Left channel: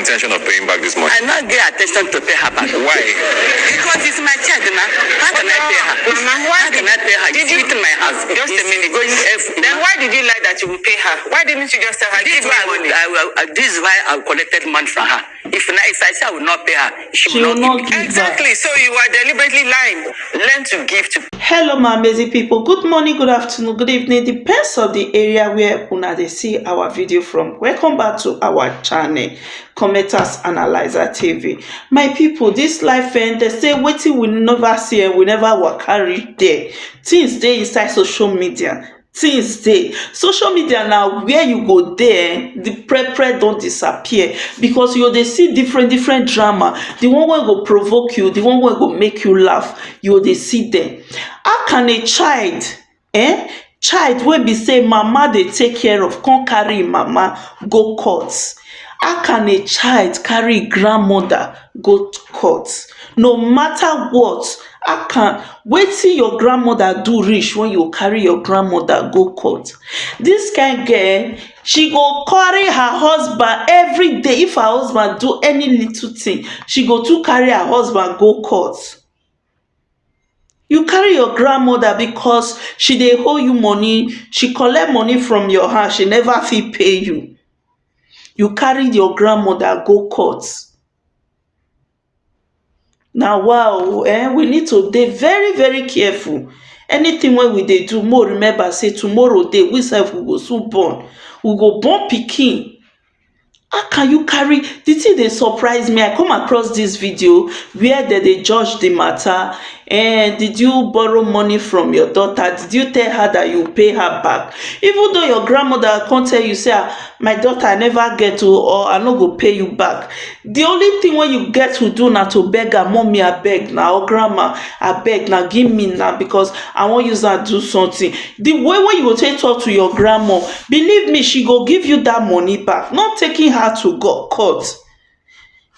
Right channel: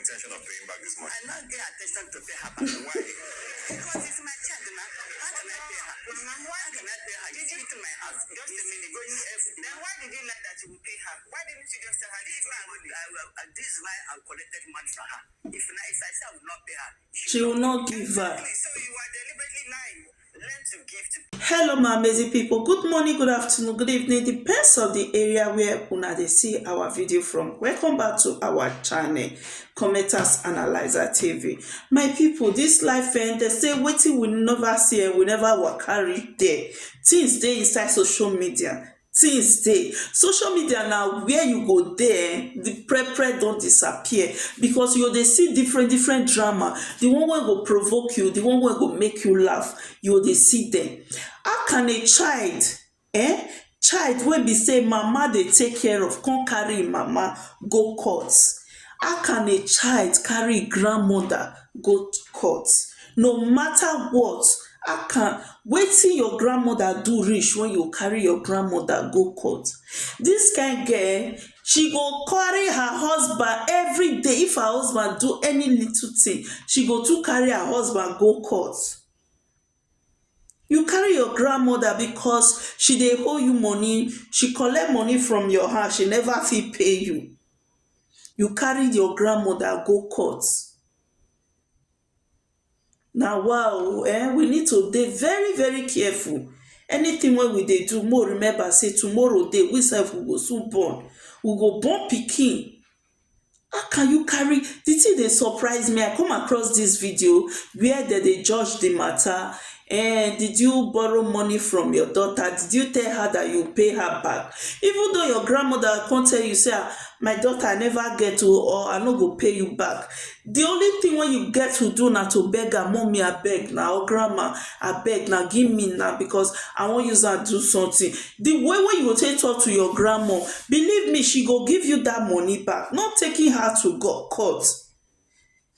intention of paying back this money? I not get attention to pay her back. Why? Because it's my child, man. How can I pay her? How can I pay her? Did you eat in my house? Just a minute. Then why did you lie that you will pay her? Why didn't you just tell her, This give me money? this is why I collected money from her. If I say I will not pay her, she will not give. Exactly. So you are deliberately lying. Learn to give to. Hello my amazing people, good morning, good afternoon, good evening, depends on the area where una dey see our video from. Welcome back to our channel Commenters Analyzer TV. My people, this life they say wetin we never see and we never waka reach there. Things dey inside social media. Things dey social media now where you go there the prepare don't disappear because you dey see different drama. The one wey go provoke you, the one wey go make you laugh, you dey see them. How can a child child wey be say mama dey take care of come carry mama go court? How can a child carry grandmother go court? No matter what, how can wetin your grandmother do reach when you carry your grandmother go court? This kind girl, she go carry her husband every day. If her husband do any little thing, she go to carry her husband go court. You carry your grandmother because she dey owe you money, she collect money from your hand, she never fit pay you. You carry your grandmother go court. Now wow, we need to dey very careful. Anything wey we dey do, more remember say tomorrow day we sef we go soon born. We go born pikin. How can you carry? The thing dey surprise me. I come across this video where they judge the matter. And did you borrow money from your daughter? Did you tell her that you pay her back? Even though your grandmother can't tell you, say, my daughter, I never get to, or I no go pay you back. The only thing when you get to do now to beg her, mommy, I beg now, or grandma, I beg now, give me now because I want you to do something. The way when you go take talk to your grandma, believe me, she go give you that money back, not taking her to court.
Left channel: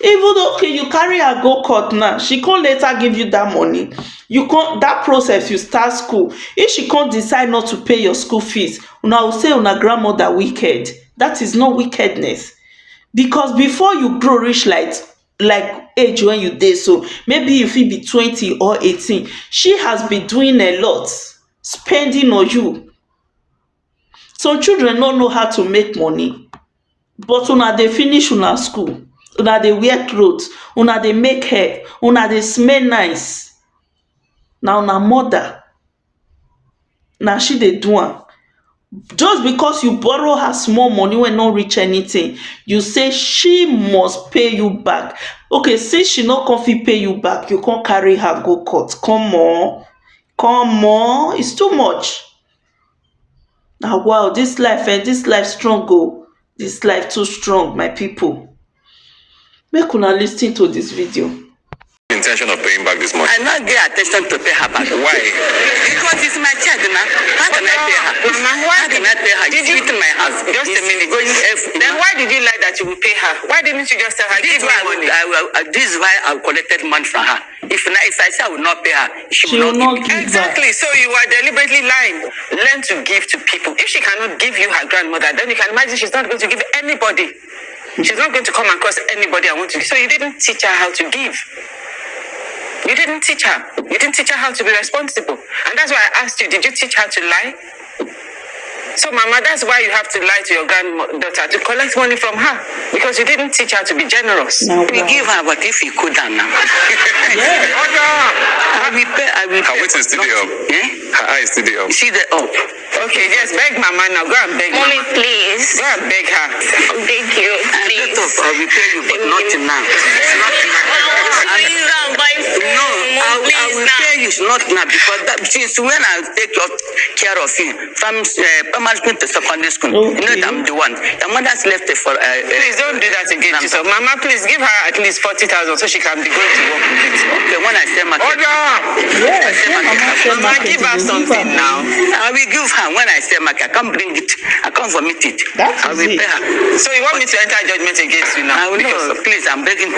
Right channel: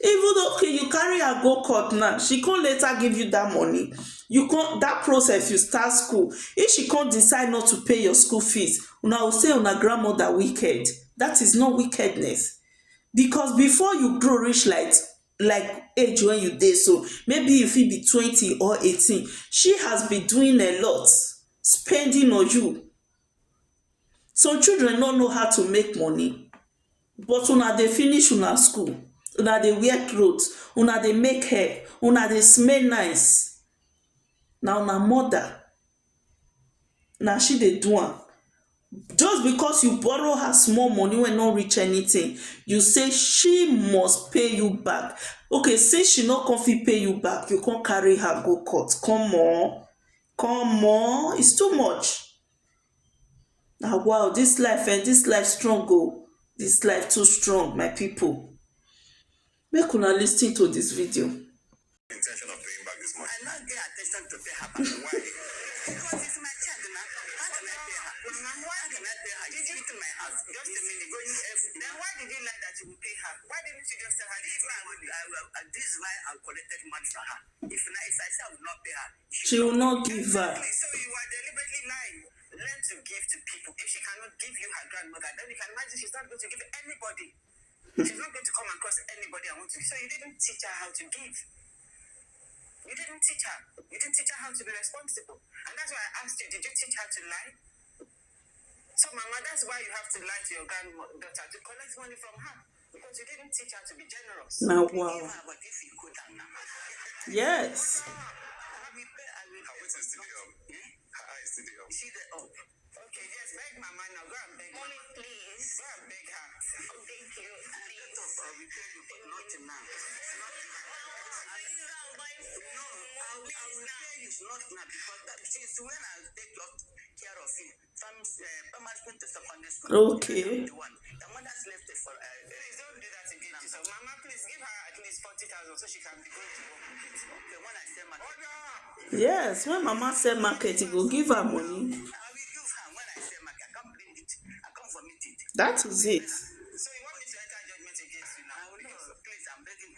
Even though okay, you carry her go court now, she can't later give you that money. You can't that process. You start school. If she can't decide not to pay your school fees, una will say una grandmother wicked. That is not wickedness, because before you grow reach like age when you dey, so maybe if it be 20 or 18, she has been doing a lot, spending on you. Some children don't know how to make money, but una they finish una school. Una dey wear clothes, una dey make hair, una dey smell nice. Now una mother, now she dey do am. Just because you borrow her small money when not reach anything, you say she must pay you back. Okay, since she not come fit pay you back, you can't carry her go court. Come on, it's too much. Now wow, this life strong go. This life too strong, my people. Make una lis ten to this video. Intention of paying back this money? I not get attention to pay her back. Why? Because it's my child, man. How can I pay her? How can I pay her? Did you eat in my house? Just a minute. Then why did you lie that you will pay her? Why didn't you just tell her, give me money? This is why I collected money from her. If I say I will not pay her, she will not give. Exactly. So you are deliberately lying. Learn to give to people. If she cannot give you her grandmother, then you can imagine she's not going to give anybody. She's not going to come across anybody I want to give. So you didn't teach her how to give. You didn't teach her. You didn't teach her how to be responsible. And that's why I asked you, did you teach her to lie? So, Mama, that's why you have to lie to your granddaughter to collect money from her. Because you didn't teach her to be generous. No, we give her, but if you could now. Yes. I will pay. Her weight is still up. Her eye is still up. See the up. Okay, yes, beg Mama now. Go and beg Mommy, Mama. please. Go and beg her. Thank you. Please. Get up, I will pay you, but not now. Please don't buy food. No, I Please will now. pay you not now because since when I take care of you from primary school to secondary school, you know that I'm the one. Your mother's left it for. Please don't do that again, Jesus. Mama, please give her at least 40,000 so she can be going to work with it. Okay, when I say market. Yes. Mama, give her something now. I will give her when I say market. I can't bring it. I can't vomit it. That I is will it. pay her. So you want me to enter judgment against you now? I will know. Please, I'm begging.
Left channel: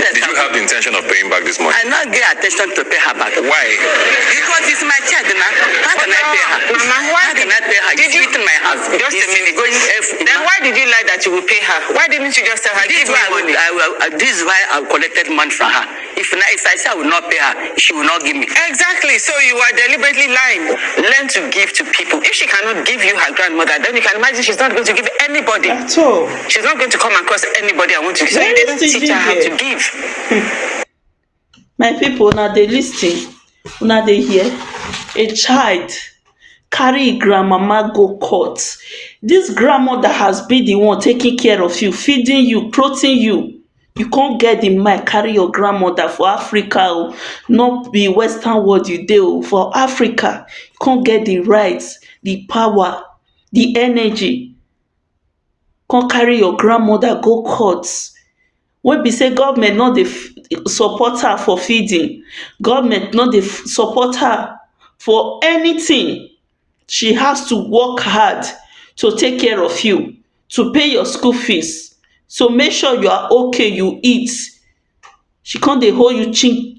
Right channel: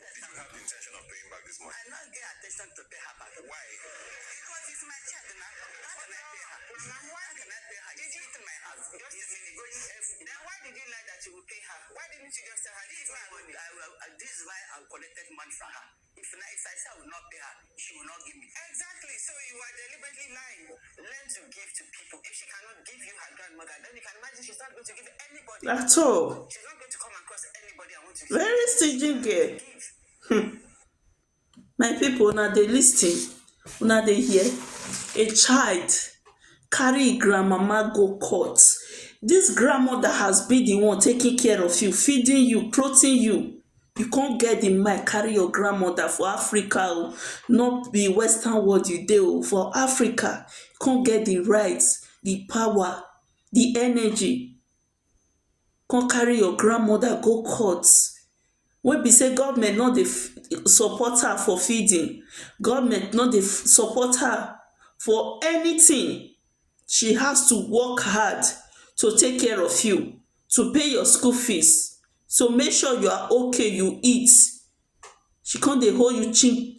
Did you have the intention of paying back this money? I not get attention to pay her back. Why? Because it's my child now. How can I pay her? Mama, why How can I pay her? did She's you eating my house. just a It's minute? going every, Then why did you lie that you will pay her? Why didn't you just tell her, this give me money? this is why I collected money from her. If I say I will not pay her, she will not give me. Exactly. So you are deliberately lying. Learn to give to people. If she cannot give you her grandmother, then you can imagine she's not going to give anybody. At all. She's not going to come across anybody I want to give. So you Very didn't teach her how to stingy give. My people, now they listen, now they hear. A child carry grandmama go court. This grandmother has been the one taking care of you, feeding you, clothing you. You can't get the mind carry your grandmother for Africa, oh, not be Western world you do for Africa. You can't get the rights, the power, the energy. Can't carry your grandmother go court. When be say government no dey support her for feeding, government no dey support her for anything, she has to work hard to take care of you, to pay your school fees, so make sure you are okay, you eat. She can't dey hold you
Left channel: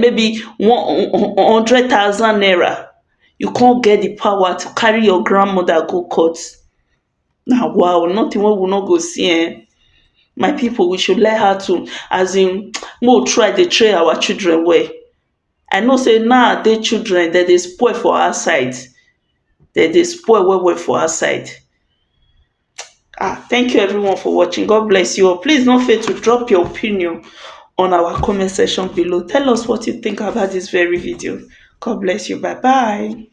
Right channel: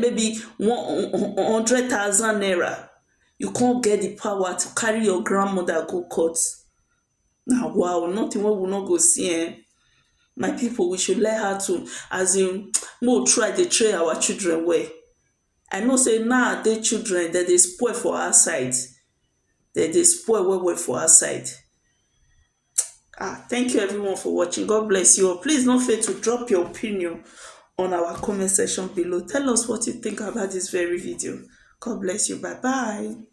maybe 100,000 naira. You can't get the power to carry your grandmother go court. Now wow, nothing wey we no go see my people, we should let her to, as in, we'll try to train our children well. I know say now they children that they spoil for our side. That they spoil well for our side. Thank you everyone for watching. God bless you all. Please don't fail to drop your opinion on our comment section below. Tell us what you think about this very video. God bless you. Bye bye.